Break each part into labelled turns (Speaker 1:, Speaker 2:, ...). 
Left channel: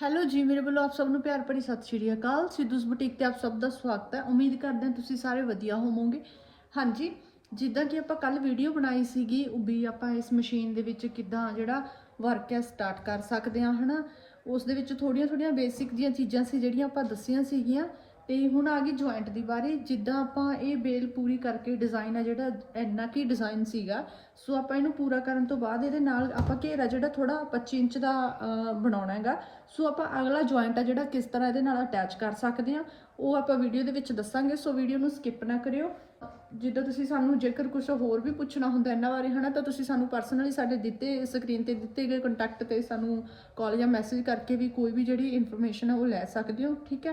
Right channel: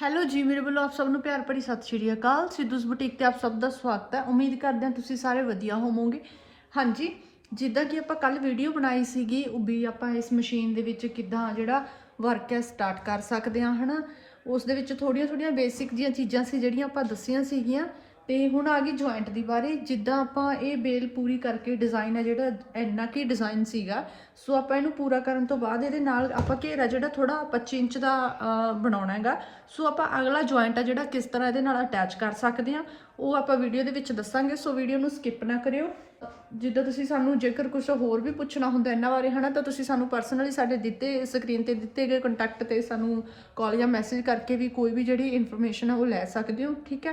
Speaker 1: Hello ਜੀ, ਮੇਰੇ ਵੱਲੋਂ ਆਪ ਸਭ ਨੂੰ ਪਿਆਰ ਭਰੀ ਸਤਿ ਸ਼੍ਰੀ ਅਕਾਲ। ਸਿੱਧੂਸ ਬੁਟੀਕ ਤੇ ਆਪ ਸਭ ਦਾ ਸਵਾਗਤ ਹੈ। ਉਮੀਦ ਕਰਦੇ ਹਾਂ ਤੁਸੀਂ ਸਾਰੇ ਵਧੀਆ ਹੋਵੋਗੇ। ਹਾਂਜੀ, ਜਿੱਦਾਂ ਕਿ ਆਪਾਂ ਕੱਲ ਵੀਡੀਓ ਬਣਾਈ ਸੀਗੀ, ਉਹ ਵੀ ਆਪਾਂ ਇਸ ਮਸ਼ੀਨ ਦੇ ਵਿੱਚ ਕਿੱਦਾਂ ਜਿਹੜਾ ਵਰਕ ਹੈ ਸਟਾਰਟ ਕਰ ਸਕਦੇ ਹਾਂ, ਹਨਾ? ਉਸ ਦੇ ਵਿੱਚ ਥੋੜੀਆਂ ਥੋੜੀਆਂ ਬੇਸਿਕ ਜੀਆਂ ਚੀਜ਼ਾਂ ਸੀ, ਜਿਹੜੀਆਂ ਆਪਾਂ ਦੱਸੀਆਂ ਸੀਗੀਆਂ। ਤੇ ਹੁਣ ਆ ਗਈ ਜੁਆਇੰਟ ਦੀ ਬਾਰੇ ਜਿੱਦਾਂ ਆਪਾਂ ਇਹ ਬੇਲ ਪੂਰੀ ਕਰਕੇ ਡਿਜ਼ਾਈਨ ਹੈ ਜਿਹੜਾ ਇੰਨਾ ਕੀ ਡਿਜ਼ਾਈਨ ਸੀਗਾ, ਸੋ ਆਪਾਂ ਇਹਨੂੰ ਪੂਰਾ ਕਰਨ ਤੋਂ ਬਾਅਦ ਇਹਦੇ ਨਾਲ ਆਪਾਂ ਘੇਰਾ ਜਿਹੜਾ ਥੋੜਾ 25 ਇੰਚ ਦਾ ਬਣਾਉਣਾ ਹੈਗਾ। ਸੋ ਆਪਾਂ ਅਗਲਾ ਜੁਆਇੰਟ ਹੈ ਜਿਹੜਾ ਕਿਸ ਤਰ੍ਹਾਂ ਇਹਦੇ ਨਾਲ ਅਟੈਚ ਕਰ ਸਕਦੇ ਆ ਉਹ ਆਪਾਂ ਵੀਡੀਓ ਦੇ ਵਿੱਚ ਦੱਸਾਂਗੇ, ਸੋ ਵੀਡੀਓ ਨੂੰ ਸਕਿਪ ਨਾ ਕਰਿਓ। ਜਿੱਦਾਂ ਤੁਸੀਂ ਸਾਨੂੰ ਜੇਕਰ ਕੁਝ ਹੋਰ ਵੀ ਪੁੱਛਣਾ ਹੁੰਦਾ ਇਹਨਾਂ ਬਾਰੇ, ਹਨਾ, ਤਾਂ ਤੁਸੀਂ ਸਾਨੂੰ ਪਰਸਨਲੀ ਸਾਡੇ ਦਿੱਤੇ ਸਕਰੀਨ ਤੇ ਦਿੱਤੇ ਗਏ ਕੰਟੈਕਟ ਤੇ ਸਾਨੂੰ ਕਾਲ ਜਾਂ ਮੈਸੇਜ ਕਰਕੇ ਵੀ ਕੋਈ ਵੀ ਜਿਹੜੀ ਇਨਫੋਰਮੇਸ਼ਨ ਹੈ ਉਹ ਲੈ ਸਕਦੇ ਹੋ, ਠੀਕ ਹੈ?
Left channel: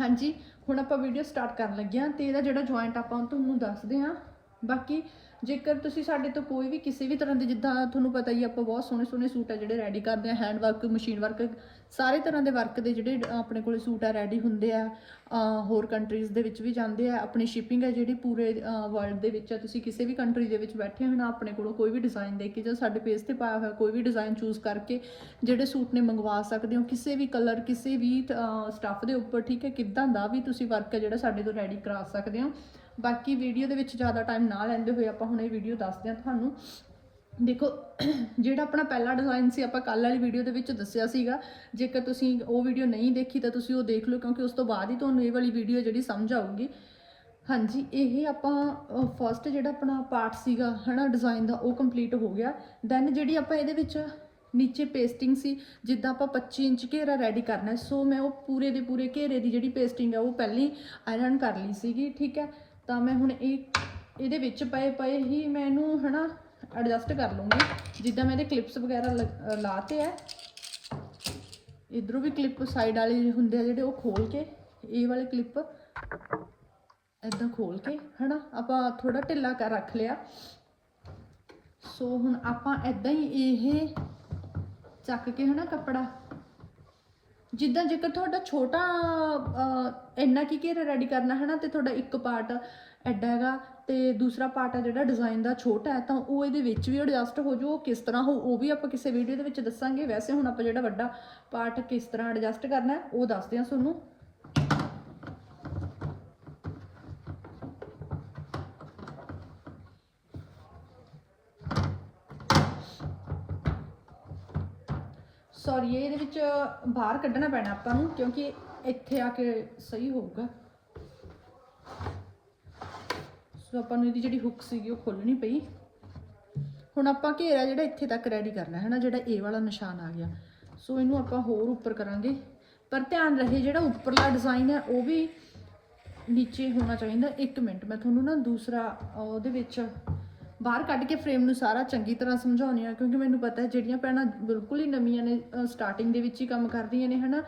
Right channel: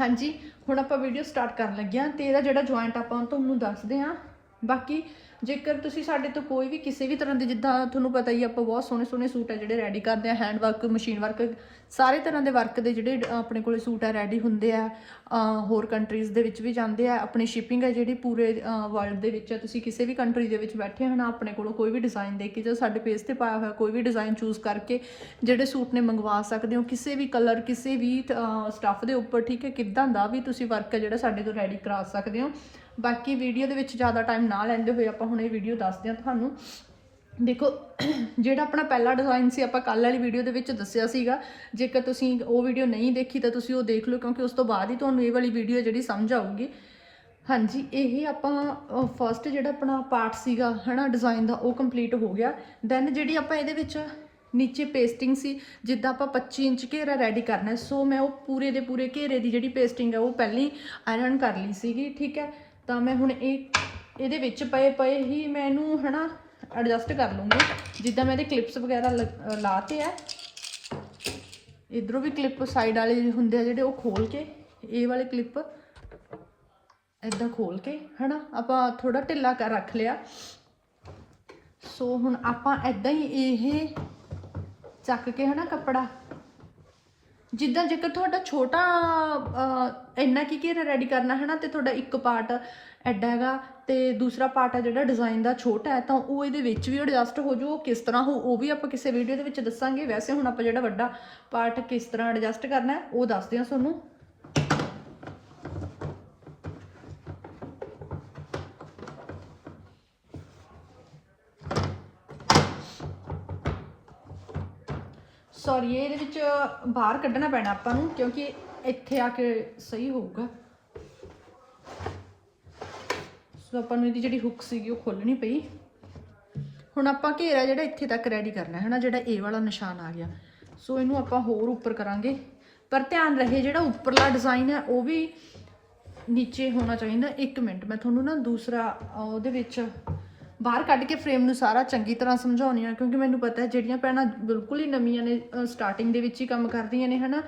Speaker 1: ਹਾਂਜੀ, ਹੁਣ ਆਪਾਂ ਵੀਡੀਓ ਸਟਾਰਟ ਕਰਨ ਲੱਗੇ ਹਾਂ ਤੇ ਇਹਦਾ ਜਿਹੜਾ ਜੁਆਇੰਟ ਆਪਾਂ ਤੁਹਾਨੂੰ ਦੱਸਦੇ ਹਾਂ, ਬਾਕੀ ਜੇਕਰ ਤੁਸੀਂ ਸਾਡੇ ਤੋਂ ਕੋਈ ਵੀ ਕਿਸੇ ਵੀ ਤਰ੍ਹਾਂ ਦੇ ਜਿੱਦਾਂ ਤੁਹਾਨੂੰ ਪਤਾ ਹੀ ਆਪਾਂ ਬਹੁਤ ਸੋਹਣੇ ਸੋਹਣੇ ਸੂਟ ਆ ਜਿਹੜੇ ਰੈਡੀ ਕਰਦੇ ਆ ਹੈਂਡ ਵਰਕ ਮਸ਼ੀਨ ਵਰਕ ਸਾਰੇ ਤਰ੍ਹਾਂ ਦੇ ਵਰਕ ਦੇ ਜਿਹੜੇ ਆਪਣੇ ਕੋਲੇ ਸੂਟ ਆ ਰੈਡੀ ਹੁੰਦੇ ਆ ਹੋਰ ਕੰਟਰੀਜ਼ ਦੇ ਵਿੱਚ ਵੀ ਜਾਂਦੇ ਆ, ਆਪਣੀ ਸ਼ਿਪਿੰਗ ਹੈ ਜਿਹੜੀ ਪੂਰੇ ਵਰਲਡ ਦੇ ਵਿੱਚ ਆ। ਤੁਸੀਂ ਕਿਸੇ ਵੀ ਕੰਟਰੀ ਦੇ ਵਿੱਚ ਬੈਠੇ ਹੋ ਨਾ ਆਪਣੇ ਕੋਲੋਂ ਕੋਈ ਵੀ ਡਿਜ਼ਾਈਨ ਦੇ ਕੇ ਜਾਂ ਸਾਡੇ ਪੇਜ ਤੇ ਪਾਇਆ ਹੋਇਆ ਕੋਈ ਵੀ ਡਿਜ਼ਾਈਨ ਚੂਜ਼ ਕਰਕੇ ਜਿਹੜੇ ਸੂਟ ਨੇ ਮੰਗਵਾ ਸਕਦੇ ਹੋ, ਕਿਸੇ ਵੀ ਕਲਰ ਕਿਸੇ ਵੀ ਸਟੱਫ ਦੇ ਉੱਪਰ, ਠੀਕ ਹੈ, ਕਿੱਦਾਂ ਦਾ ਵੀ ਤੁਸੀਂ ਵਰਕ ਹੈ ਜਿਹੜਾ ਸਾਡੇ ਤੋਂ ਰੈਡੀ ਕਰਾ ਸਕਦੇ ਹੋ। ਬਾਕੀ ਵੀਡੀਓ ਦੇ ਵਿੱਚ ਜ਼ਿਆਦਾ ਟਾਈਮ ਨਾ ਲੈਂਦੇ ਹੋਏ ਆਪਾਂ ਹੁਣ ਇਹ ਵੀਡੀਓ ਦੱਸਦੇ ਹਾਂ ਤੁਹਾਨੂੰ। ਦੇਖੋ, ਜਿਹੜਾ ਆਪਣਾ ਪਹਿਲਾ ਡਿਜ਼ਾਈਨ ਸੀ, ਆਪਾਂ ਕੱਲ ਵਾਲੀ ਵੀਡੀਓ ਦੇ ਵਿੱਚ ਦੱਸਿਆ ਸੀਗਾ। ਜੇਕਰ ਤੁਸੀਂ ਉਹ ਵੀਡੀਓ ਨਹੀਂ ਦੇਖੀ, ਤਾਂ ਤੁਸੀਂ ਉਹ ਦੇਖ ਲਓ, ਕਿਉਂਕਿ ਉਸ ਤੋਂ ਬਾਅਦ ਹੀ ਤੁਹਾਨੂੰ ਇਹ ਵਾਲੀ ਵੀਡੀਓ ਜਿਹੜੀ ਸਮਝ ਆਊਗੀ। ਹਾਂਜੀ, ਇਹ ਆਪਾਂ ਫਸਟ ਜਿਹੜਾ ਆਪਣਾ ਪਾਰਟ ਸੀਗਾ, ਹਨਾ ਡਿਜ਼ਾਈਨ ਦਾ, ਉਹ ਕੰਪਲੀਟ ਹੋ ਗਿਆ। ਦੈਨ ਜਿਹੜੀ ਆਪਾਂ ਇਹਦੇ ਵਿੱਚ ਨੀਚੇ ਪੇਸਟਿੰਗ ਸੀ, ਜਿੱਦਾਂ ਆਪਾਂ 25 ਇੰਚ ਘੇਰਾ ਰੈਡੀ ਕਰਨਾ ਸੋ ਮੈਂ ਉਹ ਪੂਰੇ ਦੇ ਪੂਰੇ ਘੇਰੇ ਦੀ ਜਿਹੜੀ ਪੇਸਟਿੰਗ ਹੈ, ਉਹ ਪਹਿਲਾਂ ਹੀ ਆਇਰਨ ਕਰ ਲਈ ਸੀਗੀ, ਠੀਕ ਹੈ? ਤਾਂ ਮੈਂ ਹੁਣ ਇਹ, ਇਹਦੇ ਵਿੱਚ ਪਏ ਪਏ ਹੀ ਮੈਂ ਇਹਨੂੰ ਹਨਾ ਐਡਜਸਟ ਕਰ ਲੂੰਗੀ। ਜਿੱਦਾਂ ਮੈਂ ਇਹਦੇ ਕਲਿੱਪਸ ਵਗੈਰਾ ਲ- ਲਾਤੇ ਆ ਇਧਰੋਂ ਵੀ ਕਲਿੱਪ ਸਾਈਡ ਵਾਲੇ ਹੁੰਦੇ ਆ ਜਿਹੜੇ ਉਹ ਖੋਲ ਕੇ, ਇਹ ਵਾਲੇ ਕਲਿੱਪ ਇਦਾਂ ਖੋਲ ਕੇ, ਹਨਾ? ਆਪਾਂ ਥੋੜਾ ਢਿੱਲਾ ਕਰ ਰੱਖ ਲਿਆ। ਸੋ ਹੁਣ ਆਪਾਂ ਇਦਾਂ ਹੀ ਇਹ ਚੱਕ ਕੇ, ਹਨਾ, ਕੱਪੜਾ ਜਿੱਦਾਂ ਜੇਕਰ ਤੁਹਾਡਾ ਛੋਟਾ ਅਹ, ਇੰਨਾ ਕੀ ਘੇਰਾ ਰੈਡੀ ਕਰਨਾ ਹੈ ਨਾ ਤੇ ਤੁਹਾਡਾ ਇੱਕ ਪਾਰਟ ਐਡਾ ਹੈਗਾ ਤੇ ਦੂਸਰਾ ਪਾਰਟ ਹੈ ਜਿਹੜਾ ਡਿਜ਼ਾਈਨ ਦਾ ਛੋਟਾ ਹੈ ਤਾਂ ਉਹ ਇਹਦੇ ਵਿੱਚ ਵੀ ਐਡਜਸਟ ਹੋ ਜੂ ਉਹ ਕਿਸ ਤਰ੍ਹਾਂ ਹੋ ਉਹ ਵੀ ਆਪਾਂ ਕਿਸੇ ਵੀਡੀਓ ਦੇ ਵਿੱਚ ਦੱਸਾਂਗੇ। ਵੈਸੇ ਹੁਣ ਆਪਾਂ ਜਿਹੜਾ ਵੱਡਾ ਪਾਰਟ ਕਿਸ ਤਰ੍ਹਾਂ ਐਡਜਸਟ ਕਰਨਾ ਹੈ ਉਹ ਦੱਸਦੇ ਹਾਂ ਤੁਹਾਨੂੰ। ਸੌਰੀ ਇਹਦੇ ਵਿੱਚ ਬਾਹਰ ਕੱਢਣਾ ਪੈਣਾ ਆਪਾਂ ਨੂੰ, ਕਿਉਂਕਿ ਇੱਥੇ ਆ ਕੇ ਸਹੀ ਹੋਊਗਾ। ਸੋ ਆਪਾਂ ਨੂੰ ਇਹਦੀ ਜਿਹੜੀ ਹੁੱਕ ਸੀਗੀ, ਉਹ ਖੋਲਣੀ ਪਈ। ਹੁਣ ਆਪਾਂ ਘੇਰਾ ਜਿਹੜਾ ਇੱਥੇ ਤੱਕ ਰੈਡੀ ਕਰਨਾ ਹੈ ਨਾ ਜਿਹੜਾ ਇਹ ਵਾਲਾ ਨਿਸ਼ਾਨ ਆ ਗਿਆ। ਸੋ ਇਹਨੂੰ ਆਪਾਂ ਹੋਰ ਉੱਪਰ ਕਰਾਂਗੇ। ਪਰ ਧਿਆਨ ਰਹੇ ਜਿਹੜਾ ਉੱਪਰਲਾ ਡਿਜ਼ਾਈਨ ਹੈ, ਉਹ ਵੀ ਨੀਚੇ ਹੋਣਾ ਚਾਹੀਦਾ। 1 ਮਿੰਟ, ਮੈਂ ਤੁਹਾਨੂੰ ਨਾ ਦੂਸਰਾ ਉਹਦੇ ਵਿੱਚ ਬਾਹਰ ਕੱਢ ਕੇ ਫਰੇਮ ਨੂੰ ਸਾਰਾ ਚੰਗੀ ਤਰ੍ਹਾਂ ਸਮਝਾਉਣੀ ਆ ਕਿਉਂਕਿ ਮੈਨੂੰ ਪਤਾ ਹੈ ਜਿਹੜੀਆਂ ਭੈਣਾਂ ਬਿਲਕੁਲ ਹੀ ਨਵੀਆਂ ਨੇ ਸਟਾਰਟਿੰਗ ਦੇ ਵਿੱਚ ਹੀ ਕੰਮ ਕਰਦੀਆਂ ਨੇ, ਹਨਾ।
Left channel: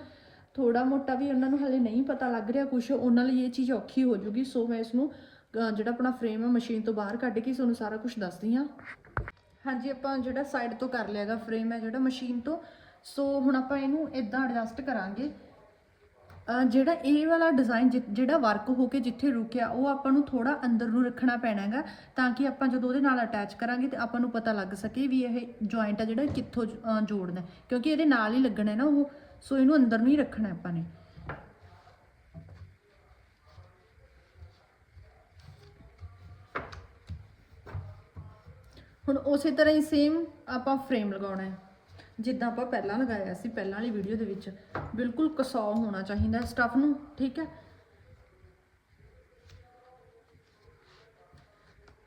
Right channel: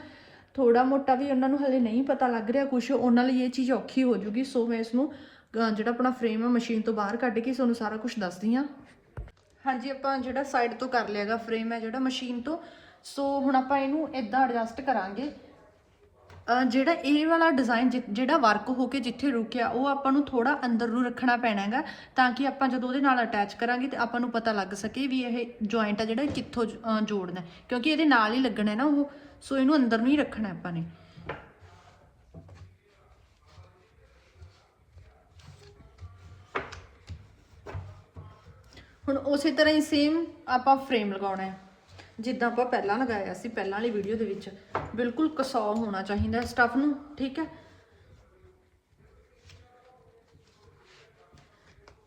Speaker 1: ਥੋੜਾ ਮੋਟਾ ਵੀ ਉਹਨਾਂ ਨੂੰ ਹਲੇ ਨਹੀਂ ਪਤਾ ਲੱਗ ਰਿਹਾ ਕੁਝ ਉਹਨਾਂ ਲਈ ਇਹ ਚੀਜ਼ ਔਖੀ ਹੋ ਜੂਗੀ ਸੋ ਮੈਂ ਇਸ ਨੂੰ ਜਿਹੜਾ ਆਪਣਾ ਫਰੇਮ ਆ ਮਸ਼ੀਨ ਤੋਂ ਬਾਹਰ ਕੱਢ ਕੇ ਤੁਹਾਨੂੰ ਸਾਰਾ ਕੁਝ ਦੱਸਦੀ ਆ ਹਾਂਜੀ, ਆਪਾਂ ਜਿਹੜਾ ਸਾਈਡ ਤੋਂ ਕਰ ਲਿਆਗਾ ਫਰੇਮ ਹੈ ਜਿਹੜਾ ਮਸ਼ੀਨ ਤੋਂ, ਸੋ ਹੁਣ ਆਪਾਂ ਇਹਨੂੰ ਇਦਾਂ ਐਡਜਸਟ ਕਰਾਂਗੇ। ਅਹ ਜਿਹੜਾ ਇਹ ਵਾਲਾ ਡਿਜ਼ਾਈਨ ਜਿਹੜਾ ਵਰਕ ਹੋ ਕੇ ਜਿੱਥੇ ਰੁਕਿਆ, ਉਹ ਆਪਾਂ ਨੂੰ ਥੋੜਾ ਅੰਦਰ ਨੂੰ ਰੱਖਣਾ ਪੈਣਾ ਹੈਗਾ, ਤਾਂ ਕਿ ਆਪਾਂ ਜਦੋਂ ਉਹਦੇ ਨਾਲ ਅਟੈਚ ਕਰਾਂਗੇ ਤੇ ਆਪਾਂ ਨੂੰ ਪਤਾ ਲੱਗ ਸਕੇ ਵੀ ਇਹ ਜੁਆਇੰਟ ਆ ਜਿਹੜਾ ਇਹ ਕਿੱਥੋਂ ਅਹ ਜੋੜਨਾ ਹੈ। ਕਿਉਂਕਿ ਇਹਦੇ ਨਾਲ ਹੀ ਲੱਗਣਾ ਹੈ ਨਾ ਉਹ, ਸੋ ਇਹਨੂੰ ਅੰਦਰ ਨੂੰ ਹੀ ਰੱਖਣਾ ਹੈ ਆਪਾਂ ਨੇ ਹੁਣ ਉਸੇ ਤਰ੍ਹਾਂ ਹੀ ਸੇਮ ਆਪਾਂ ਫਰੇਮ ਲਗਾਉਣਾ ਹੈ ਜਿੱਦਾਂ ਆਪਾਂ ਪਹਿਲਾਂ ਲਗਾਇਆ ਸੀ, ਪਹਿਲਾਂ ਵਾਲੀ ਵੀਡੀਓ ਦੇ ਵਿੱਚ। ਬਿਲਕੁਲ ਕਸਾ ਹੋਣਾ ਚਾਹੀਦਾ ਸਟਫ ਨੂੰ, ਠੀਕ ਹੈ?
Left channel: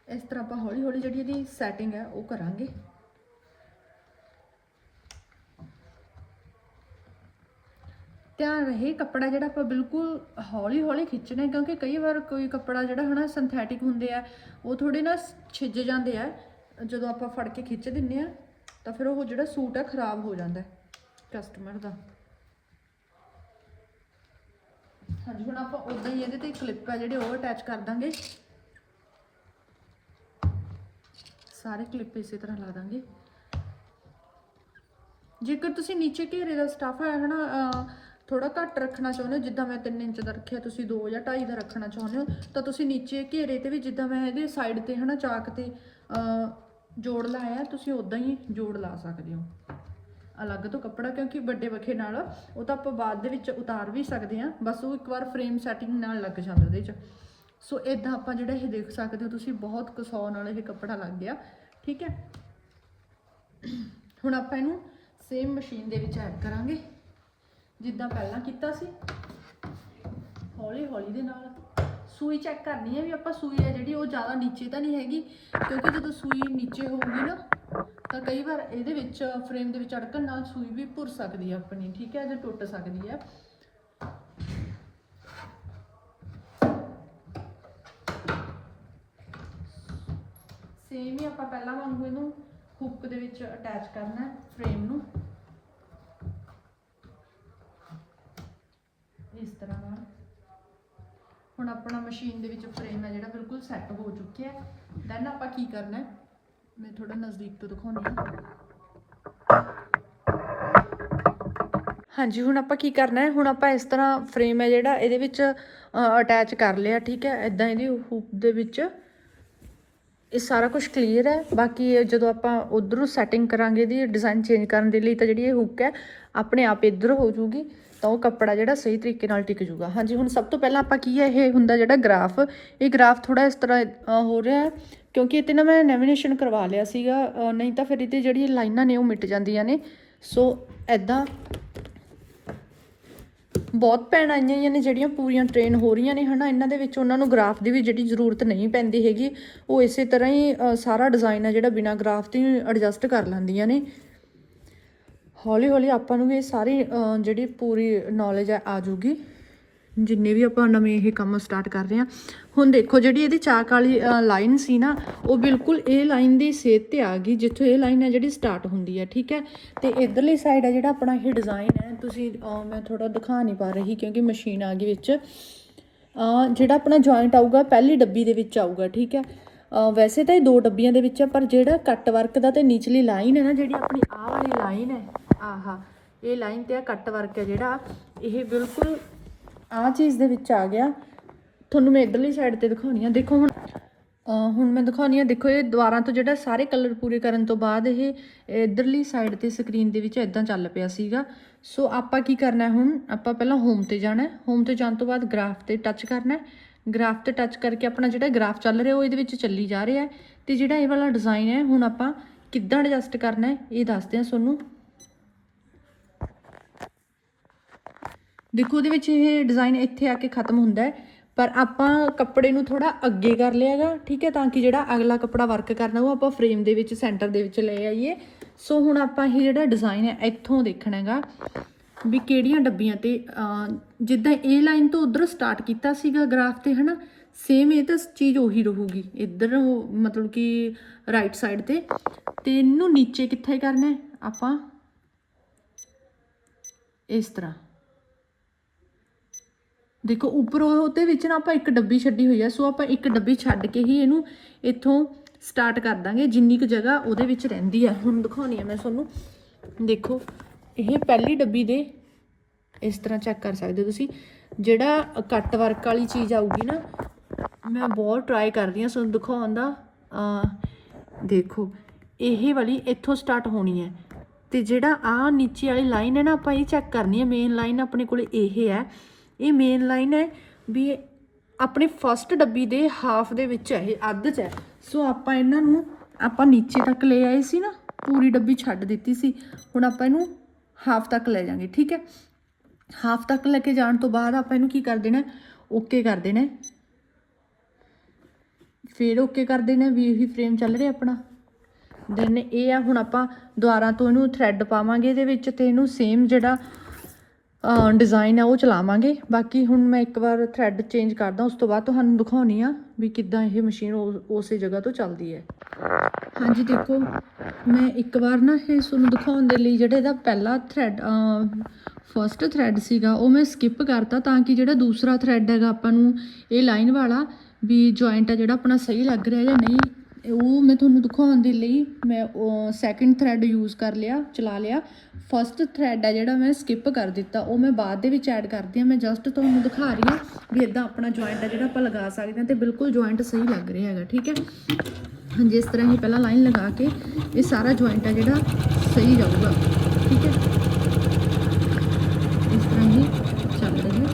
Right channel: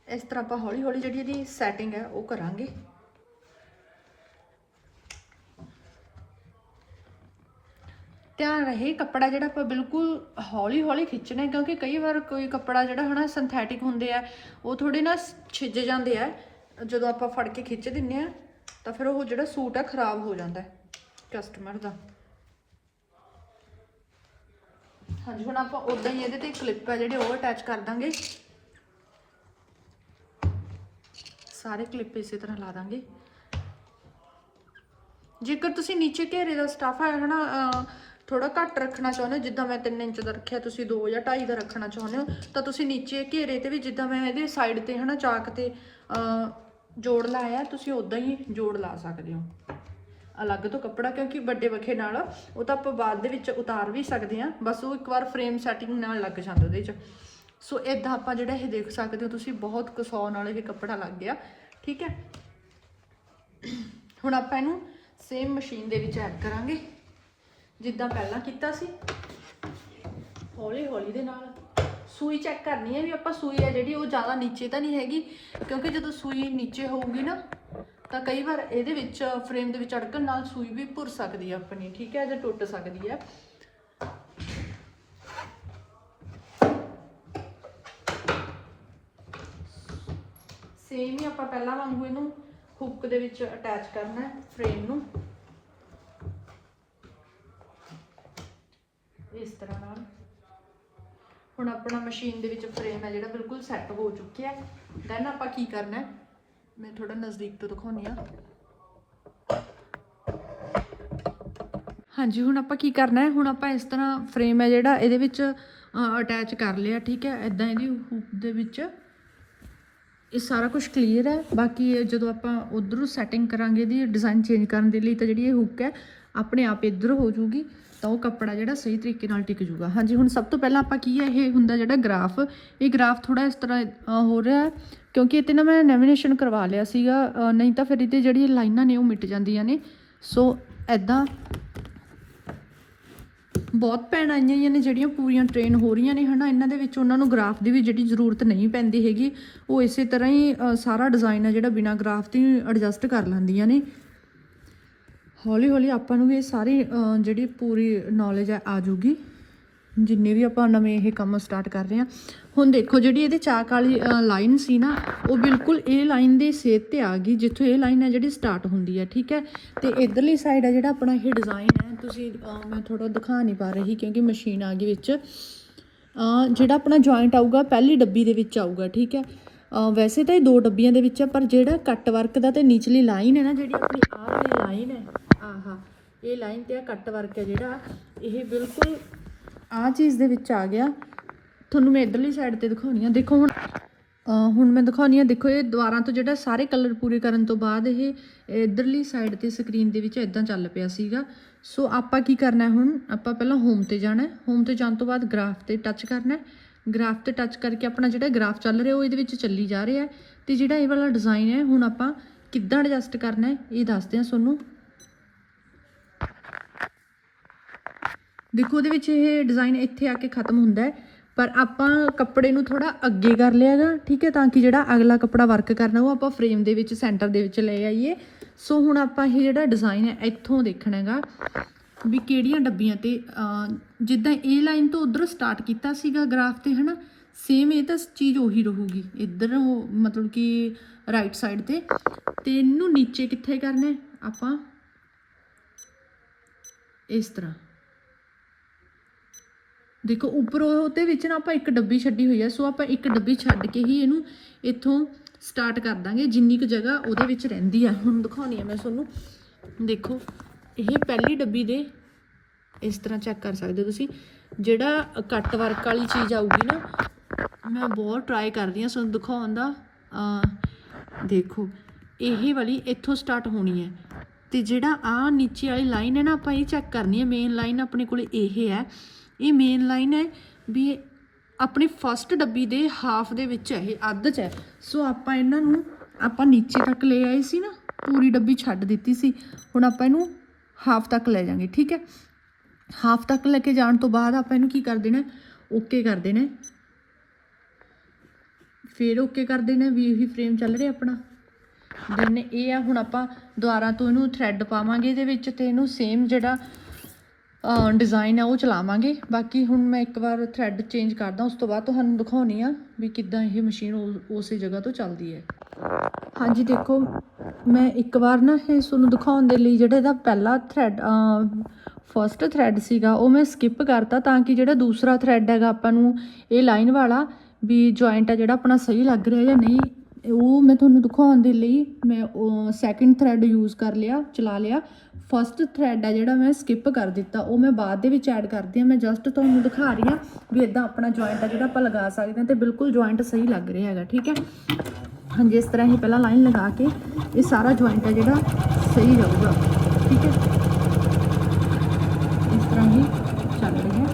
Speaker 1: ਇਸ ਤਰ੍ਹਾਂ ਆਪਾਂ ਹੌਲੀ ਹੌਲੀ ਜਿਹੜੀ ਇਹਦੀ ਸੈਟਿੰਗ ਹੈ, ਉਹ ਕਰਾਂਗੇ। ਧਿਆਨ ਰਹੇ ਕੱਪੜਾ ਜਿਹੜਾ ਆਪਾਂ ਬਿਲਕੁਲ ਹੌਲੀ ਹੌਲੀ ਖਿੱਚਣਾ ਕਿਉਂਕਿ ਕਈ ਵਾਰ ਕੋਈ ਕੱਪੜਾ ਜਿਹੜਾ ਹਨਾ ਸਿੰਥੈਟਿਕ ਹੁੰਦੇ ਆ, ਉਹ ਥੋੜੇ ਨਾ ਛਿੱਜ ਜਾਂਦੇ ਆ। ਜਦੋਂ ਆਪਾਂ ਫੜ ਕੇ ਖਿੱਚ ਦਿੰਨੇ ਆ ਤਾਂ ਫਿਰ ਉਹ ਜਿਹੜਾ ਸੂਟ ਹੈ ਖਰਾਬ ਹੋ ਜਾਂਦਾ ਹੈ ਕਸਟਮਰ ਦਾ। ਹਾਂਜੀ, ਹੁਣ ਆਪਾਂ ਉਦਾਂ ਹੀ ਇਹਦੇ ਤੇ ਕਲਿੱਪ ਹੈ ਜਿਹੜੇ ਉਹ ਅਟੈਚ ਕਰ ਦਾਂਗੇ। ਸਾਰੇ ਕਲਿੱਪ ਇਸੇ ਤਰ੍ਹਾਂ ਲਾ ਦਾਂਗੇ। ਜੇਕਰ ਤੁਸੀਂ ਨੀਚੇ ਘੇਰੇ ਦਾ ਸਟਾਫ ਹੈ ਹਨਾ ਥੋੜਾ ਘੱਟ ਰੱਖਣਾ ਚਾਹੁੰਦੇ ਹੋ, ਜਿੱਦਾਂ ਮੈਂ 3 ਇੰਚ ਦਾ ਰੱਖਿਆ, ਤੁਸੀਂ 2 ਜਾਂ 2.5 ਦਾ ਰੱਖਣਾ ਚਾਹੁੰਦੇ ਹੋ, ਤਾਂ ਤੁਸੀਂ ਨੀਚੇ ਘੇਰੇ ਤੇ ਵੀ ਜਿੱਦਾਂ ਮੈਂ ਇਹਦੇ ਸਾਈਡ ਤੇ, ਹਨਾ, ਚਾਕ ਤੇ ਜੋੜ ਲਾਇਆ, ਤੁਸੀਂ ਉਦਾਂ ਹੀ ਜੋੜ ਲਾ ਸਕਦੇ ਹੋ। ਅਲੱਗ ਤੋਂ ਕੱਪੜਾ, ਕਿਉਂਕਿ ਵੱਡੇ ਵੱਖੇ ਨਾਲ, ਉਹ ਤਾਂ ਆਪਾਂ ਬਾਅਦ ਦੇ ਵਿੱਚ ਉਤਾਰ ਵੀ ਸਕਦੇ ਹਾਂ, ਬਸ ਉਹ ਇੱਕ ਵਾਰ ਫਰੇਮ ਸੈਟਿੰਗ ਨਾਲ ਲੱਗ ਜਾਂਦਾ ਉਹਦੇ 'ਚ। ਸੋ ਇਦਾਂ ਆਪਾਂ ਜਿਹੜਾ ਇਹ ਦੇਖ ਸਕਦੇ ਹੋ, ਤੁਸੀਂ ਬਹੁਤ ਕਸੌ ਨਾਲ ਇਹ ਕੱਪੜਾ ਲੱਗ ਗਿਆ, ਠੀਕ ਹੈ? ਹੁਣ ਆਪਾਂ ਇਹਨੂੰ ਸੇਮ ਮਸ਼ੀਨ ਦੇ ਵਿੱਚ ਐਡ ਕਰਾਂਗੇ। ਜਿੱਦਾਂ ਪਹਿਲਾਂ ਕੀਤਾ ਸੀ ਹੌਲੀ ਹੌਲੀ ਦੇ ਨਾਲ। ਸੂਈ ਚੈੱਕ ਕਰਨੀ ਹੈ ਵੀ ਆਪਾਂ ਸੂਈ ਹੈ ਜਿਹੜੀ, ਉਹ ਜ਼ਿਆਦਾ ਨੀਚੇ ਤਾਂ ਨਹੀਂ ਹੈਗੀ, ਕਿਉਂਕਿ ਜਦੋਂ ਸੂਈ ਨੀਚੇ ਹੋਊਗੀ ਨਾ, ਤਾਂ ਕਈ ਵਾਰ ਇਹਦੇ ਵਿੱਚ ਫਰੇਮ ਦੇ ਵਿੱਚ ਅੜਕਣ ਨਾਲ ਸੂਈ ਵੀ ਭੁਰ ਸਕਦੀ ਹੈ ਆਪਣੀ, ਠੀਕ ਹੈ? ਤੇ ਟੁੱਟ ਸਕਦੀ ਹੈ ਸੇਮ ਹੀ ਆਪਾਂ ਪਹਿਲਾਂ ਵਾਂਗੂ ਇਹਨੂੰ ਹੁੱਕ ਦੇ ਵਿੱਚ ਅਟੈਚ ਕਰਨਾ ਹੈ ਫਰੇਮ ਨੂੰ। ਇਸ ਤਰ੍ਹਾਂ। ਹੁਣ ਆਪਣਾ ਮਸ਼ੀਨ ਦੇ ਵਿੱਚ ਫਰੇਮ ਹੈ ਜਿਹੜਾ ਬਿਲਕੁਲ ਸੈੱਟ ਹੋ ਚੁੱਕਿਆ ਹੈ। ਦੈਨ ਆਪਾਂ ਕੀ ਕਰਨਾ ਹੈ? ਮੈਂ ਥੋੜਾ ਨਜ਼ਦੀਕ ਤੋਂ ਦਿਖਾਉਂਦੀ ਹਾਂ। ਹਾਂਜੀ, ਹੁਣ ਆਪਾਂ ਕੀ ਕਰਨਾ ਹੈ? ਹੁਣ ਆਪਾਂ ਇਸ ਤਰ੍ਹਾਂ ਫਰੇਮ ਹੈ ਜਿਹੜਾ ਇਹਦੇ ਵਿੱਚ ਅਟੈਚ ਕਰ ਲਿਆ, ਠੀਕ ਹੈ? ਇਦਾਂ ਇਹਦੀ ਹੂਪ ਦੇ ਵਿੱਚ। ਇਹ ਸਾਰਾ ਕੁਝ ਕਲੀਅਰ ਹੈ। ਬਾਕੀ ਜਦੋਂ ਆਪਾਂ ਉਧਰੋਂ ਸੈਟਿੰਗ ਕਰਾਂਗੇ ਇਹਦੀ ਡਿਜ਼ਾਈਨ ਚੇਂਜ ਕਰਨ ਦੇ ਲਈ ਤਾਂ ਜਿਹੜੀ ਇਹ ਹੁੱਕ ਹੈ, ਆਪਣੇ ਆਪ ਇੱਧਰ ਹੋ ਜਾਊਗੀ। ਤਾਂ ਉਹ ਕੱਪੜਾ ਜਿਹੜਾ ਸਹੀ ਤਰੀਕੇ ਨਾਲ ਟਿਕ ਜੂਗਾ। ਹਾਂਜੀ, ਹੁਣ ਸਭ ਤੋਂ ਪਹਿਲਾਂ ਆਪਾਂ ਕੀ ਹੈ, ਇਹ ਹੁੰਦਾ ਜਿਹੜਾ ਗ੍ਰਾਫ। ਇਹ ਗ੍ਰਾਫ ਥੋੜਾ ਇਸ ਤਰ੍ਹਾਂ ਹੋ ਰਿਹਾ ਕਿਉਂਕਿ ਇਹ ਤੇ ਨਾ ਮੈਂ ਨੈਵੀਨੇਸ਼ਨ ਕਰਵਾ ਲਿਆ ਸੀਗਾ ਨਹੀਂ ਤਾਂ ਫਿਰ ਇਹਦੇ ਜਿਹੜੀ ਲਾਈਨਾਂ ਨੇ ਉਹ ਮਿਟ ਜਾਂਦੀਆਂ ਨੇ। ਸੋ ਐਦਾਂ ਬਹੁਤ ਭੈਣਾਂ ਆਈਆਂ ਹੋਈਆਂ ਨੇ, ਜਿਹੜੀਆਂ ਪੂਰੀਆਂ ਟ੍ਰੇਨ ਹੋ ਰਹੀਆਂ ਨੇ, ਹਨਾ। ਇਹਨਾਂ ਦੇ ਵਿੱਚ ਉਹਨਾਂ ਨੂੰ ਗ੍ਰਾਫ ਦੀ ਵੀ ਜਿਹੜੀ ਜ਼ਰੂਰਤ ਨਹੀਂ ਪੈਂਦੀ ਹੈਗੀ। ਉਹ ਇਸੇ ਤਰ੍ਹਾਂ ਹੀ ਸਾਰਾ ਡਿਜ਼ਾਈਨ ਆ ਜਿਹੜਾ ਬਿਨਾ ਗ੍ਰਾਫ ਤੋਂ ਐਡਜਸਟ ਕਰ ਲੈਂਦੀਆਂ ਨੇ। ਹੌਲੀ ਹੌਲੀ ਆਪਾਂ ਨੂੰ ਵੀ ਇਹ ਸਾਰੀ ਜਿਹੜੀ ਪੂਰੀ ਨੌਲੇਜ ਹੈ ਆ ਜੂਗੀ ਜਿੰਨੇ ਵੀ ਆਪਾਂ ਨਵੇਂ ਇਹ ਕੰਮ ਸਟਾਰਟ ਕਰ ਰਹੇ ਹਾਂ। ਹੁਣ ਦੇਖੋ, ਜਿਹੜੀ ਇਹਦੀ ਚਾਕ ਵਾਲੀ ਲਾਈਨ ਸੀ ਨਾ, ਉਹ ਬਿਲਕੁਲ ਇਹ ਲਾਈਨ ਦੀ ਸੇਧ ਤੇ ਆ ਗਈ, ਜਿੱਥੋਂ ਇਹ ਲਾਈਨ ਹੈ ਜਿਹੜੀ ਸਟਾਰਟ ਹੁੰਦੀ ਹੈ ਠੀਕ ਹੈ? ਤੇ ਇਧਰਲੀ ਸਾਈਡ ਹੈ ਜਿਹੜਾ ਆਪਣਾ ਇਹ ਡਿਜ਼ਾਈਨ ਹੈ, ਤੁਸੀਂ ਮੈਂ ਥੋੜਾ ਦਿਖਾ ਨਹੀਂ ਪਾ ਰਹੀ ਕਿਉਂਕਿ ਮਸ਼ੀਨ ਆ ਗਈ ਵਿੱਚ। ਜਿਹੜਾ ਆਪਣਾ ਜੁਆਇੰਟ ਆਊਗਾ, ਪਹਿਲੀ ਡੱਬੀ ਦੇ ਵਿੱਚ ਆਊਗਾ, ਠੀਕ ਹੈ? ਵੈਸੇ ਤਾਂ ਇਹ ਦੋ ਡੱਬੀਆਂ ਦੇ ਵਿੱਚ ਹੈ ਪਰ ਜਿਹੜਾ ਕੱਟ ਵਰਕ ਦਾ ਤੇ ਨੀਚਲੀ ਲਾਈਨ ਹੈ ਨਾ, ਜਿਹੜੀ ਆਪਣੀ ਆਹ ਵਾਲੀ ਲਾਈਨ ਹੈ ਆਹਾ, ਇਹ ਲਾਈਨ ਤੇ ਆ ਕੱਟ ਵਰਕ ਹੈ ਜਿਹੜਾ। ਇਹ ਬਿਲਕੁਲ ਆਹ ਚੀਜ਼ ਦੇ ਵਿੱਚ ਆ ਗਿਆ। ਤੁਹਾਨੂੰ ਮੈਂ ਇਧਰਲੀ ਸਾਈਡ ਤੇ ਦਿਖਾਉਣੀ ਆ। ਦੇਖੋ ਹੁਣ ਹੁਣ ਮੈਂ ਦਿਖਾਉਣੀ ਆ, ਦੇਖੋ ਇਹ ਦੁਆਰਾਂ ਤੋਂ ਜਿਹੜਾ ਸਾਰੇ ਕਲਰ ਪੂਰੇ ਕਰਨ ਤੋਂ ਬਾਅਦ ਇਹ ਇਧਰਲੀ ਸਾਈਡ ਤੇ ਸਕਰੀਨ ਦੇ ਵਿੱਚ ਇਦਾਂ ਚੱਲ ਪਿਆ ਸੀਗਾ। ਸੋ ਆਪਾਂ ਕੀ ਕਰਨਾ ਹੁਣ? ਆਪਾਂ ਪਹਿਲਾਂ ਹੋਮ ਤੇ ਜਾਣਾ ਹੋਮ ਤੇ ਜਾਣ ਤੋਂ ਬਾਅਦ ਗ੍ਰਾਫ ਤੇ ਟੱਚ ਕਰਨਾ ਗ੍ਰਾਫ ਤੇ ਟੱਚ ਕਰਕੇ ਆਪਣਾ ਜਿਹੜਾ ਗ੍ਰਾਫ ਚੱਲ ਰਿਹਾ, ਉਹ ਇਹਦੇ ਵਿੱਚ ਚੱਲੀ ਜਾ ਰਿਹਾ ਹੈ। ਤੇ ਜਿਹੜਾ ਇਹ ਵਾਲਾ ਡਿਜ਼ਾਈਨ ਹੈ, ਹੁਣ ਆਪਾਂ ਕਿੱਦਾਂ ਐਡਜਸਟ ਕਰਨਾ ਹੈ, ਇਹ ਦੱਸਦੇ ਹਾਂ ਤੁਹਾਨੂੰ। ਦੇਖੋ ਉਹਦੇ ਵਿੱਚ ਇਹ ਡਿਜ਼ਾਈਨ ਇੱਥੇ ਆ ਕੇ ਖਤਮ ਹੁੰਦਾ ਪਰ ਆਪਾਂ ਕੱਪੜੇ ਨੂੰ ਥੋੜਾ ਅੱਗੇ ਕਰ ਲਿਆਗਾ ਠੀਕ ਹੈ, ਤਾਂ ਕਿ ਜਿਹੜਾ ਅਗਲਾ ਕੱਪੜਾ ਵਰਕ ਕਰਨਾ, ਉਹ ਆਪਾਂ ਫਰੇਮ ਦੇ ਵਿੱਚ ਸੈਂਟਰ ਦੇ ਵਿੱਚ ਲੈ ਆਈਏ। ਸੋ ਹੁਣ ਆਪਾਂ ਇਹ ਜਿਹੜਾ ਡਿਜ਼ਾਈਨ ਹੈ, ਇੱਥੋਂ ਦੇਖਣਾ ਹੈਗਾ ਵੀ ਕਿਹੜੀਆਂ ਡੱਬੀਆਂ ਤੇ ਜਿੱਦਾਂ ਇਹ ਲਾਈਨ ਤੋਂ ਉਧਰ ਸਟਾਰਟ ਕੀਤਾ ਸੀਗਾ ਗ੍ਰਾਫ ਤੇ, ਹਨਾ? ਸੇਮ ਇਹ ਤਾਂ ਚੀਜ਼ ਉਹੀ ਰਹੂਗੀ, ਇੱਧਰ ਉਹ ਮਤਲਬ ਕਿ ਰਾਈਟ ਸਾਈਡ ਤੇ। ਤੇ ਇਹਨੂੰ ਨੀਚੇ ਕਿੱਥੇ ਕਰਨਾ ਆਪਾਂ ਇਸ ਤਰ੍ਹਾਂ। ਦੇਖੋ, ਉੱਪਰੋਂ ਉਹਦੇ ਵਿੱਚ ਨਾ ਆਪਾਂ ਇੱਕ ਡੱਬੀ ਛੱਡੀ ਹੋਈ ਆ, ਸੋ ਆਪਾਂ ਇੱਕ ਡੱਬੀ ਛੱਡ ਕੇ ਹੀ ਇਹਨੂੰ ਇੱਥੋਂ ਸਟਾਰਟ ਕਰ ਦਾਂਗੇ, ਜਿੰਨੀ ਕੁ ਜਗ੍ਹਾ ਉਹਦੇ ਵਿੱਚ ਰਹਿੰਦੀ ਆ। ਹੁਣ ਦਿਖਾਉਣੀ ਆ ਮੈਂ ਤੁਹਾਨੂੰ। ਦੇਖੋ, ਇਹ ਪਹਿਲੀ ਡੱਬੀ ਦੇ ਇਸ ਤਰ੍ਹਾਂ ਚੈੱਕ ਕਰ ਸਕਦੇ ਹੋ ਤੁਸੀਂ। ਜਿਹੜਾ ਕੱਟ ਵਰਕ ਵਾਲੀ ਚੀਜ਼ ਆਊਗੀ ਨਾ, ਮੈਂ ਬਹੁਤ ਟਰਾਈ ਕਰਦੀ ਹਾਂ ਤੁਹਾਨੂੰ ਦਿਖਾਉਣ ਦਾ। ਦੇਖੋ, ਇਹ ਵਾਲੀ ਇੱਥੋਂ ਸਟਾਰਟ ਹੋਣੀ ਹੈ। ਤੇ ਜਿਹੜਾ ਆ ਨੀਚੇ ਵਾਲੀ ਲਾਈਨ ਹੈ ਨਾ, ਆਪਾਂ ਇਹ ਚੈੱਕ ਕਰਨੀ ਹੈ ਮੇਨ ਲਾਈਨ ਆਪਣੇ ਕੋਲ ਇਹ ਹੈ। ਇਹ ਮੇਨ ਲਾਈਨ ਹੈ ਵੀ ਆਪਣੇ ਫਸਟ ਡੱਬੀ ਦੇ ਹਾਫ ਦੇ ਵਿੱਚ ਹੈ, ਇਹ ਅੱਧ 'ਚ ਹੈ। ਸੋ ਆਪਾਂ ਇਹਨਾਂ ਨੂੰ ਆਪਾਂ ਨੀਚੇ ਤੱਕ ਲੈ ਆਏ ਸੀ ਨਾ, ਪੂਰੀ ਡੱਬੀ ਛੱਡ ਦਿੱਤੀ ਸੀ। ਹੁਣ ਆਪਾਂ ਇਹਨੂੰ ਹਾਫ ਤੱਕ ਲੈ ਜਾਾਂਗੇ ਠੀਕ ਹੈ? ਹਾਫ ਤੱਕ ਲੈ ਕੇ ਜਾਣ ਤੋਂ ਬਾਅਦ ਆਪਾਂ ਇਹਨੂੰ ਕੀ ਕਰ ਦੇਣਾ ਓਕੇ ਕਰ ਦੇਣਾ ਫਿਰ ਓਕੇ ਕਰ ਦੇਣਾ ਵੀ ਇਹੀ ਫਰੇਮ ਚੱਲ ਰਿਹਾ ਆਪਣਾ। ਦੈਨ ਇਹ ਆ, ਹੁਣ ਆਪਾਂ ਦੁਆਰਾ ਤੋਂ ਇਹਨੂੰ ਥ੍ਰੈਡ ਪਾਵਾਂਗੇ ਇਹਦੇ ਵਿੱਚ ਤੇ ਇਹਨੂੰ ਸੇਮ ਜਿਹੜਾ ਡਿਜ਼ਾਈਨ ਆ, ਉਹ ਚਲਾਵਾਂਗੇ। ਬਾਕੀ ਹੁਣ ਮੈਂ ਇੱਕ ਵਾਰ ਥ੍ਰੈਡ ਚੇਂਜ ਕਰਦਾ, ਉਸ ਤੋਂ ਬਾਅਦ ਤੁਹਾਨੂੰ ਦਿਖਾਉਣੀ ਆ ਵੀ ਕਿੱਦਾਂ ਇਹ ਮਸ਼ੀਨ ਉਸੇ ਜਗ੍ਹਾ ਤੋਂ ਚੱਲਦੀ ਹੈ। ਹਾਂਜੀ, ਦੇਖੋ, ਮੈਂ ਇੱਕ ਵਾਰ ਨਾ ਇਹ ਤੁਹਾਨੂੰ ਦਿਖਾਉਣ ਦੇ ਲਈ ਜਿਹੜਾ ਇਹਦਾ ਪਹਿਲਾ ਥ੍ਰੈਡ ਫਰਸਟ ਥ੍ਰੈਡ ਸੀਗਾ, ਉਹ ਮੈਂ ਸਕਿਪ ਕਰਤਾ ਤਾਂ ਕਿ ਜਿਹੜਾ ਦੂਸਰਾ ਥ੍ਰੈਡ ਹੈਗਾ ਆਪਾਂ ਨੂੰ ਇਹ ਲਾਈਨ ਵਾਲਾ ਵੀ ਜੁਆਇੰਟ ਆ ਜਿਹੜਾ ਆਪਣਾ ਸਹੀ ਲੱਗ ਰਿਹਾ ਜਾਂ ਨਹੀਂ ਉਹ ਮੈਂ ਤੁਹਾਨੂੰ ਦਿਖਾਉਣ ਦੇ ਲਈ ਮੈਂ ਸੈਕਿੰਡ ਥ੍ਰੈਡ ਯੂਜ਼ ਕਰ ਲਿਆ, ਚਲਾ ਲਿਆ। ਫਸਟ ਥ੍ਰੈਡ ਹੈ ਜਿਹੜਾ ਮੈਂ ਸਕਿਪ ਕਰ ਦਿੱਤਾ, ਉਹ ਮੈਂ ਬਾਅਦ ਦੇ ਵਿੱਚ ਐਡ ਕਰਦੀ ਹਾਂ। ਮੈਂ ਜਸਟ ਤੁਹਾਨੂੰ ਦਿਖਾ ਰਹੀ ਹਾਂ ਵੀ ਇਦਾਂ ਆਪਣਾ ਜੁਆਇੰਟ ਆ ਜਿਹੜਾ ਆਪਾਂ ਲਗਾ ਸਕਦੇ ਹਾਂ ਤੇ ਬਿਲਕੁਲ ਜੁਆਇੰਟ ਸਹੀ ਲੱਗ ਰਿਹਾ ਹੈਗਾ, ਠੀਕ ਹੈ? ਹਾਂਜੀ, ਇਸ ਤਰ੍ਹਾਂ ਹੀ ਪਹਿਲਾਂ ਲਾਈਨ ਲਗਾ ਕੇ ਇਹ ਸਾਰਾ ਜੁਆਇੰਟ ਹੈ ਜਿਹੜਾ ਸਹੀ ਜਾਊਗਾ, ਠੀਕ ਹੈ? ਇਸ ਤਰ੍ਹਾਂ ਹੀ ਚੱਲ ਰਹੀ ਹੈ।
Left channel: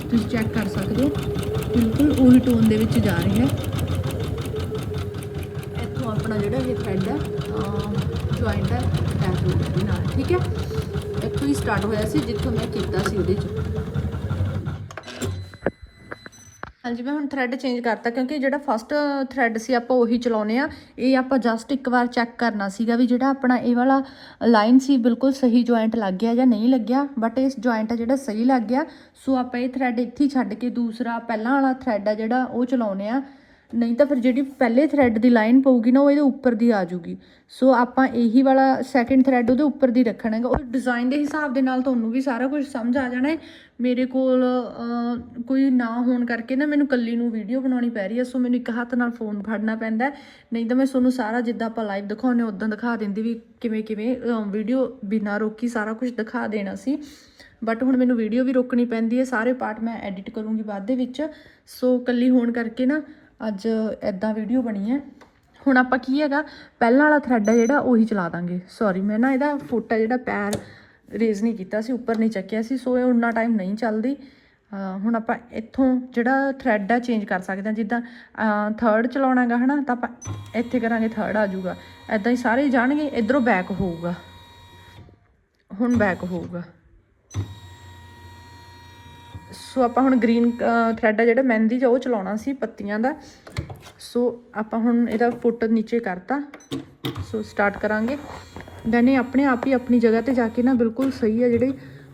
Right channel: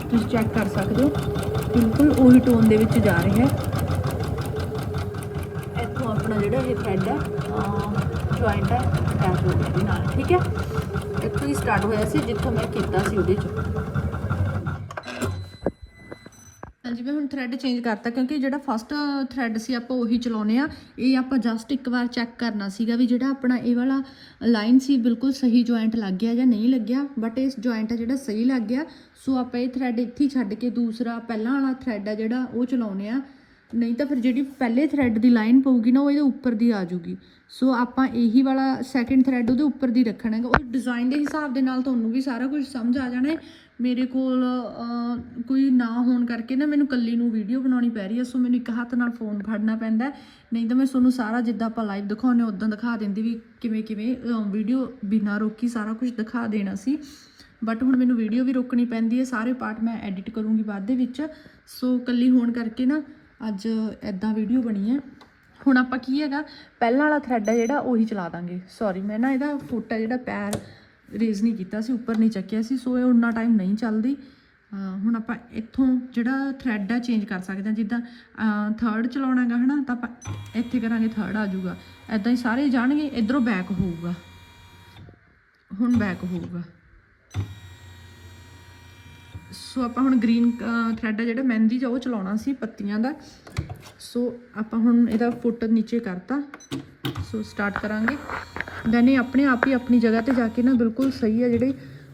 Speaker 1: ਤੁਸੀਂ ਚੈੱਕ ਕਰ ਸਕਦੇ ਹੋ। ਬਿਲਕੁਲ ਉਹੀ ਟੋਨ ਦੇ ਵਿੱਚ ਜਾ ਰਿਹਾ ਹੈ। ਇੱਥੋਂ ਆਪਣਾ ਜਿਹੜਾ ਇਹ ਥ੍ਰੈਡ ਹੈ ਜੁਆਇੰਟ ਹੈ ਅਟੈਚ ਹੋ ਗਿਆ ਨਾਲ, ਠੀਕ ਹੈ? ਇੱਥੋਂ ਹੀ ਸਟਾਰਟ ਹੋਇਆ ਸੀ, ਜਿੱਥੋਂ ਮੈਂ ਕੀਤਾ ਸੀ ਉਹਦੇ 'ਚ। ਹਾਂਜੀ, ਮੈਂ ਹੁਣ ਥ੍ਰੈਡ ਚੇਂਜ ਕਰਤਾ ਕਿਉਂਕਿ ਜਿਹੜਾ ਫਸਟ ਥ੍ਰੈਡ ਸੀ ਆਪਾਂ ਉਹੀ ਚਲਾਉਨੇ ਆ। ਇਹ ਆਪਾਂ ਜਸਟ ਇੱਕ ਵਾਰ ਚੈੱਕ ਕਰਨਾ ਸੀਗਾ ਵੀ ਜਿਹੜਾ ਆਪਣਾ ਇਹ ਵਾਲਾ ਲਾਈਨ ਸੀ ਬਿਲਕੁਲ ਸਹੀ ਜੁਆਇੰਟ ਲੱਗ ਗਿਆ ਜਾਂ ਨਹੀਂ ਲੱਗਿਆ। ਬਟ ਇਸ ਜੁਆਇੰਟ ਆ ਜਿਹੜਾ ਸਹੀ ਲੱਗ ਗਿਆ। ਸੋ ਆਪਾਂ ਇਹ ਥ੍ਰੈਡ ਇੱਥੇ ਛੱਡ ਕੇ ਦੂਸਰਾ ਪਹਿਲਾਂ ਵਾਲਾ ਥ੍ਰੈਡ ਆ ਜਿਹੜਾ ਉਹ ਚਲਾਉਨੇ ਆ। ਨਹੀਂ ਤਾਂ ਫਿਰ ਜਿਹੜੀ ਪਹਿਲੇ ਥ੍ਰੈਡ ਦੀ ਲਾਈਨ ਪਊਗੀ ਨਾ, ਉਹ ਇਹਦੇ ਉੱਪਰ ਦੀ ਆ ਜਾਊਗੀ। ਸੋ ਆਪਾਂ ਇਹੀ ਵਾਲਾ ਸੈਕਿੰਡ ਥ੍ਰੈਡ ਉਹਦੇ ਉੱਪਰ ਦੀ ਰੱਖਣਾ ਹੈਗਾ। ਉਹ ਡਿਜ਼ਾਈਨ ਦੇ ਹਿਸਾਬ ਦੇ ਨਾਲ ਤੁਹਾਨੂੰ ਵੀ ਸਾਰਾ ਕੁਝ ਸਮਝ ਆ ਜਾਣਾ ਹੈ। ਮੇਰੇ ਕੋਲ ਕੋਈ ਨਾ ਹੋਣ ਕਰਕੇ ਨਾ ਮੈਨੂੰ ਕੱਲੀ ਨੂੰ ਵੀਡੀਓ ਬਣਾਉਣੀ ਪੈ ਰਹੀ ਹੈ, ਸੋ ਮੈਨੂੰ ਇੱਕ ਹੱਥ ਨਾਲ ਫੋਨ ਫੜਨਾ ਪੈਂਦਾ ਨਹੀਂ ਤਾਂ ਮੈਂ ਤੁਹਾਨੂੰ ਸਾਰਾ ਜਿੱਦਾਂ ਆਪਾਂ ਲਾਈਵ ਦਿਖਾਉਂਦੇ ਉਦਾਂ ਦਿਖਾ ਦਿੰਦੀ ਵੀ ਕਿਵੇਂ ਕਿਵੇਂ ਵੀਡੀਓ ਬਿਨਾਂ ਰੋਕੀ ਸਾਰਾ ਕੁਝ ਦਿਖਾ ਦੇਣਾ ਸੀ। ਬਟ ਹੁਣ ਮੈਨੂੰ ਵੀਡੀਓ ਵੀ ਰੋਕਣੀ ਪੈਂਦੀ ਹੈ, ਸਾਰੇ ਪਾਰਟ ਮੈਂ ਐਡਿਟ ਕਰੂੰਗੀ ਬਾਅਦ ਦੇ ਵਿੱਚ। ਸੋ ਕੱਲੀ ਹੋਣ ਕਰਕੇ ਨਾ ਅੱਜ ਐਦਾਂ ਵੀਡੀਓ ਬਣੀ ਹੈ। ਹੁਣ ਆਪਾਂ ਕੀ ਹੈਗਾ, ਪਹਿਲਾਂ ਵਾਲਾ ਥਰੈਡ ਹੈ ਜਿਹੜਾ, ਉਹੀ ਚਲਾ ਦਾਂਗੇ। ਸੌਰੀ ਮੈਂ ਨਾ ਇਹਦਾ ਫੋਟਾ ਜਿਹੜਾ ਪੈਰ ਰੇਜ਼ ਨਹੀਂ ਕੀਤਾ ਸੀ, ਉੱਪਰ ਨਹੀਂ ਚੱਕਿਆ ਸੀ, ਸੋ ਇਹ ਉਨਾ ਟਾਈਮ ਨਹੀਂ ਚੱਲਦੀ। ਹੁਣ ਆਪਾਂ ਇੱਥੋਂ ਜਿਹੜਾ ਥ੍ਰੈਡ ਆ ਚੇਂਜ ਕਰ ਸਕਦੇ ਹਾਂ, ਜਿੱਦਾਂ ਥਰਡ ਚਲਾਉਣਾ ਹੈਗਾ ਹਨਾ, ਤਾਂ ਆਪਾਂ ਇੱਥੇ ਕਰਾਂਗੇ ਥਰਡ ਆ ਜਾਊਗਾ। ਐਦਾਂ ਹੀ ਸਾਰੇ ਜਾਣਗੇ, ਇਧਰੋਂ ਬੈਕ ਹੋਊਗਾ। ਹੁਣ ਬੈਕ ਹੋਊਗਾ। ਸੋ ਆਪਾਂ ਹੁਣ ਗ੍ਰੀਨ ਥ੍ਰੈਡ ਆ ਜਿਹੜਾ ਮਹਿੰਦੀ ਚ ਉਹ ਚਲਾਉਣਾ ਸੀ ਪੱਤੀਆਂ ਦਾ। ਸੋ ਆਪਾਂ ਹੁਣ ਇਹਦਾ ਫੁੱਟ ਨੀਚੇ ਕਰਤਾ। ਸੋ ਸਟਾਰਟ ਕਰਾਂਗੇ। ਦੈਨ ਇਹ ਆਪਣੇ ਆਪ ਹੀ ਆਪਣੀ ਜਗ੍ਹਾ ਤੇ ਜਾ ਕੇ ਨਾ ਬਿਲਕੁਲ ਸਹੀ ਹੈ ਜਿਹੜੀ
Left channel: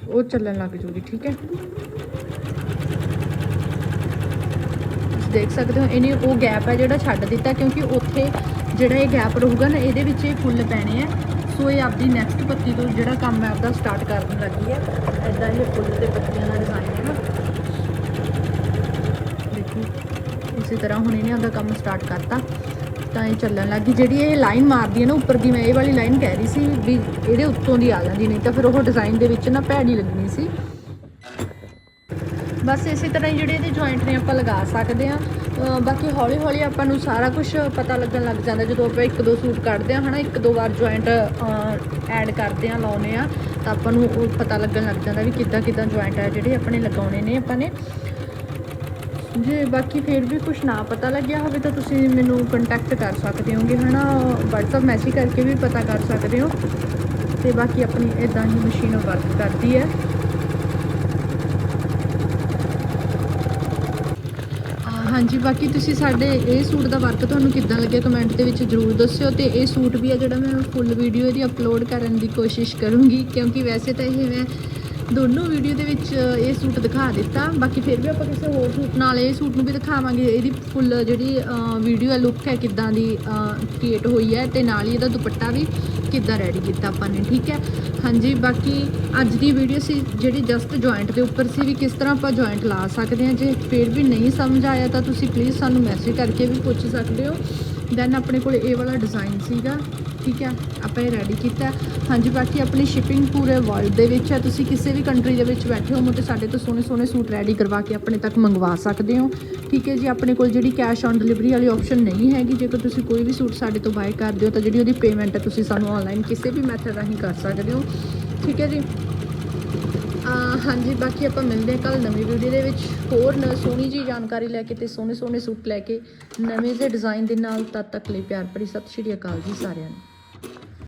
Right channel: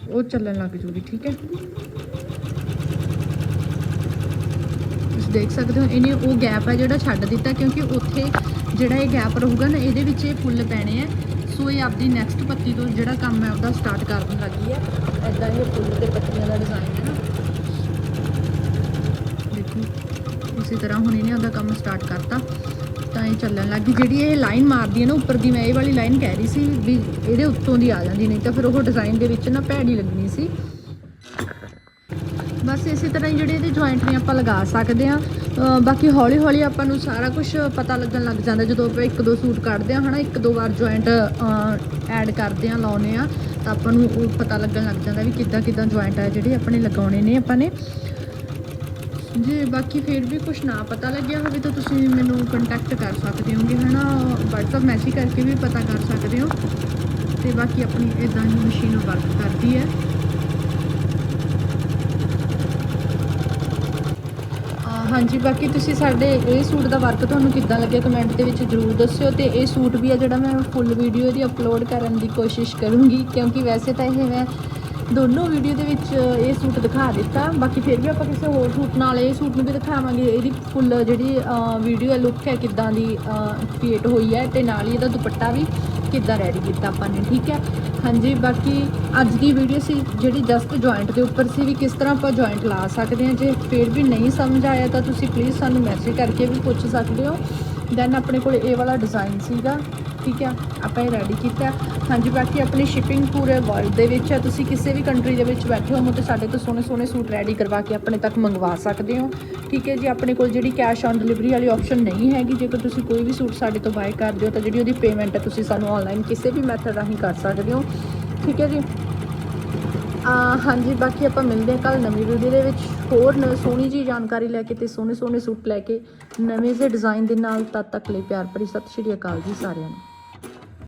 Speaker 1: ਉਹ ਚੱਲਣ ਲੱਗ ਜੂਗੀ, ਠੀਕ ਹੈ? ਤੁਸੀਂ ਦੇਖ ਸਕਦੇ ਹੋ, ਇਹਨੇ ਉਹ ਗੈਪ ਹੈ ਜਿਹੜਾ ਛੱਡ ਦਿੱਤਾ ਕਿਉਂਕਿ ਉੱਥੇ ਜਿਹੜਾ ਇਹ ਗੈਪ ਰਹੂਗਾ ਨਾ, ਇਹਦੇ ਵਿੱਚ ਇਹ ਫੁੱਲ ਪੈਣੇ ਆ। ਸੋ ਇਹ ਆਪਦੀ ਨੈਕਸਟ ਪੱਤੀ ਤੋਂ ਜਿਹੜਾ ਕੰਮ ਹੈ ਆਪਦਾ ਸਟਾਰਟ ਕਰਨ ਲੱਗੀ ਹੈ ਐਦਾਂ ਇਹ ਫੁੱਲ ਤੇ ਪੱਤੀਆਂ ਦਾ ਡਿਜ਼ਾਈਨ ਹੈ ਨਾ ਦੇਖੋ ਇਸੇ ਤਰ੍ਹਾਂ ਹੁਣ ਇਹਨੇ ਆਪਦਾ ਕੰਮ ਸਟਾਰਟ ਕਰਤਾ, ਤਾਂ ਇਹ ਚੱਲਣ ਲੱਗੀ ਜਿਹੜੀ ਇਹ ਲਾਈਨ ਮਾਰਦੀ ਹੈ ਨਾ, ਉੱਪਰ ਦੀ ਮੈਂ ਇਹ ਵਾਲੀ ਲਾਈਨ ਕਹਿ ਰਹੀ ਸੀ ਵੀ ਇਹਦੇ ਉੱਤੋਂ ਦੀ ਆ ਜਾਂਦੀ, ਨਹੀਂ ਤਾਂ ਫਿਰ ਉਹ ਡਿਜ਼ਾਈਨ ਦੇ ਵਿੱਚ ਨਾ ਭੈੜੀ ਲੱਗਣੀ ਸੀ। ਬਸ ਇਸੇ ਤਰ੍ਹਾਂ ਹੀ ਜਿਹੜੇ ਇਹਦੇ ਜੁਆਇੰਟ ਨੇ ਆਪਾਂ ਲਗਾ ਸਕਦੇ ਆ ਬਾਕੀ ਹੌਲੀ ਹੌਲੀ ਆਪਾਂ ਨੂੰ ਸਾਰਾ ਕੁਝ ਪਤਾ ਲੱਗਣ ਲੱਗ ਜਾਂਦਾ, ਜਦੋਂ ਆਪਾਂ ਇੱਕ ਦੋ ਸੂਟ ਕੱਢਦੇ ਆ ਹਨਾ, ਇੱਕ ਦੋ ਵਾਰ ਜੁਆਇੰਟ ਐਡ ਕਰਦੇ ਆ ਲਾਉਨੇ ਆ ਤਾਂ ਆਪਾਂ ਨੂੰ ਉਹ ਪਤਾ ਲੱਗਣ ਲੱਗ ਜਾਂਦਾ ਵੀ ਕਿੱਦਾਂ ਕਿੱਦਾਂ ਜੁਆਇੰਟ ਆ ਜਿਹੜੇ ਆਪਣੇ ਲਗਾਉਣੇ ਨੇ ਆਪਾਂ ਨੇ। ਜੇ ਬਾਕੀ ਫਿਰ ਵੀ ਕੁਝ ਨਾ ਪਤਾ ਲੱਗਿਆ ਹੋਵੇ ਤਾਂ ਤੁਸੀਂ ਮੈਨੂੰ ਕੰਟੈਕਟ ਕਰ ਸਕਦੇ ਹੋਗੇ, ਹਨਾ? WhatsApp ਮੈਸੇਜ ਕਰਕੇ ਵੀ ਪਤਾ ਕਰ ਸਕਦੇ ਹੋ। ਤੇ ਬਾਕੀ ਆਪਣੀ ਇਦਾਂ ਹੀ ਮਸ਼ੀਨ ਵਰਕ ਕਰਦੀ ਹੈ। ਹਾਂਜੀ, ਬਾਕੀ ਤੁਸੀਂ ਸਾਡੇ ਇਹ ਸੂਟ ਦਾ ਵਰਕ ਤੁਹਾਨੂੰ ਕਿੱਦਾਂ ਲੱਗਿਆ ਕਮੈਂਟ ਦੇ ਵਿੱਚ ਜਰੂਰ ਦੱਸਿਓ। ਤੇ ਇਹ ਸੂਟ ਵੀ ਆ ਜਿਹੜਾ ਮੈਂ ਫੁੱਲ ਵੀਡੀਓ ਦੀ ਅਪਲੋਡ ਕਰਨ ਦੀ ਕੋਸ਼ਿਸ਼ ਕਰੂੰਗੀ, ਕਿਉਂਕਿ ਵੈਸੇ ਤਾਂ ਇਹ ਮੈਂ ਦੋਨੋਂ ਵੀਡੀਓ ਦੇ ਵਿੱਚ ਇਹ ਸੂਟ ਦਿਖਾ ਦਿੱਤਾ। ਬਾਕੀ ਫਿਰ ਵੀ ਆਪਾਂ ਕਿਸੇ ਹੋਰ ਸੂਟ ਨਾਲ ਇਹ ਸੂਟ ਨੂੰ ਵੀ ਦਿਖਾਵਾਂਗੇ। ਇਹਦੀ ਫੁੱਲ ਜਿਹੜੀ ਵੀਡੀਓ ਹੈ ਲੁੱਕ ਹੈ, ਕਿੱਦਾਂ ਦੀ ਕ੍ਰੀਏਟ ਹੋਈ ਹੈ ਤੇ ਨਾਲ ਹੀ ਇਹਦਾ ਦੁਪੱਟਾ ਵੀ ਕਿੱਦਾਂ ਰੈਡੀ ਕੀਤਾ ਆਪਾਂ ਨੇ, ਠੀਕ ਹੈ? ਹਾਂਜੀ, ਬਾਕੀ ਅੱਜ ਦੀ ਵੀਡੀਓ ਸੀ, ਜਿਹੜੀ ਜਸਟ ਜੁਆਇੰਟ ਦੇ ਉੱਪਰ ਸੀ ਵੀ ਕਿਸ ਤਰ੍ਹਾਂ ਆਪਾਂ ਜੁਆਇੰਟ ਲਾ ਸਕਦੇ ਹਾਂ। ਜੇ ਫਿਰ ਵੀ ਨਹੀਂ ਸਮਝ ਆਇਆ ਤਾਂ ਤੁਸੀਂ ਪਲੀਜ਼ ਸਾਨੂੰ ਮੈਸੇਜ ਕਰਕੇ ਵੀ ਪੁੱਛ ਸਕਦੇ ਹੋ। ਦੈਨ ਆਪਣੇ ਕੋਲ ਇਹ ਵਾਲਾ ਡਿਜ਼ਾਈਨ ਸੀਗਾ। ਠੀਕ ਹੈ ਆਪਾਂ ਇਹ ਰੈਡੀ ਕੀਤਾ। ਹਾਂਜੀ, ਬਾਕੀ ਆਪਣੀ ਸ਼ਿਪਿੰਗ ਪੂਰੇ ਵਰਲਡ ਦੇ ਵਿੱਚ ਹੈ। ਤੁਸੀਂ ਕਿਸੇ ਵੀ ਕੰਟਰੀ ਦੇ ਵਿੱਚ ਬੈਠੇ ਹੋ ਤੇ ਸਾਡੇ ਤੋਂ ਸੋਹਣੇ ਸੋਹਣੇ ਸੂਟ ਰੈਡੀ ਕਰਵਾ ਕੇ ਆਪਣੇ ਤੱਕ ਮੰਗਵਾ ਸਕਦੇ ਹੋ। ਠੀਕ ਹੈ ਜੀ? ਆਪਣੇ ਕੋਲ ਜਿਹੜੀ ਕੈਸ਼ ਔਨ ਡਿਲੀਵਰੀ ਵਾਲੀ ਆਪਸ਼ਨ ਨਹੀਂ ਹੈਗੀ। ਜੇਕਰ ਤੁਸੀਂ ਕੋਈ ਵੀ ਸੂਟ ਸਾਡੇ ਤੋਂ ਬਾਏ ਕਰਦੇ ਹੋ, ਤਾਂ ਜਿਹੜੀ ਉਹਦੀ ਪੇਮੈਂਟ ਹੈ, ਤੁਸੀਂ ਸਾਨੂੰ ਆਨਲਾਈਨ ਕਿਸੇ ਵੀ ਮੈਥਡ ਰਾਹੀਂ ਕਰ ਸਕਦੇ ਹੋ। ਠੀਕ ਹੈ ਜੀ? ਹਾਂਜੀ, ਬਾਕੀ ਆਪਾਂ ਮਿਲਦੇ ਹਾਂ ਕੱਲ ਨਵੀਂ ਵੀਡੀਓ ਦੇ ਵਿੱਚ। ਹੋਰ ਨ, ਸੋਹਣੀ ਜੀ ਜਾਣਕਾਰੀ ਲੈ ਕੇ ਤੇ ਸੋਹਣੇ ਸੋਹਣੇ ਸੂਟ ਲੈ ਕੇ ਨਵੇਂ ਜਿਹੇ ਡਿਜ਼ਾਈਨ ਦੇ ਨਾਲ ਤਦ ਤੱਕ ਲਈ ਪਿਆਰ ਭਰੀ। ਸਤਿ ਸ਼੍ਰੀ ਅਕਾਲ ਜੀ ਸਾਰਿਆਂ ਨੂੰ।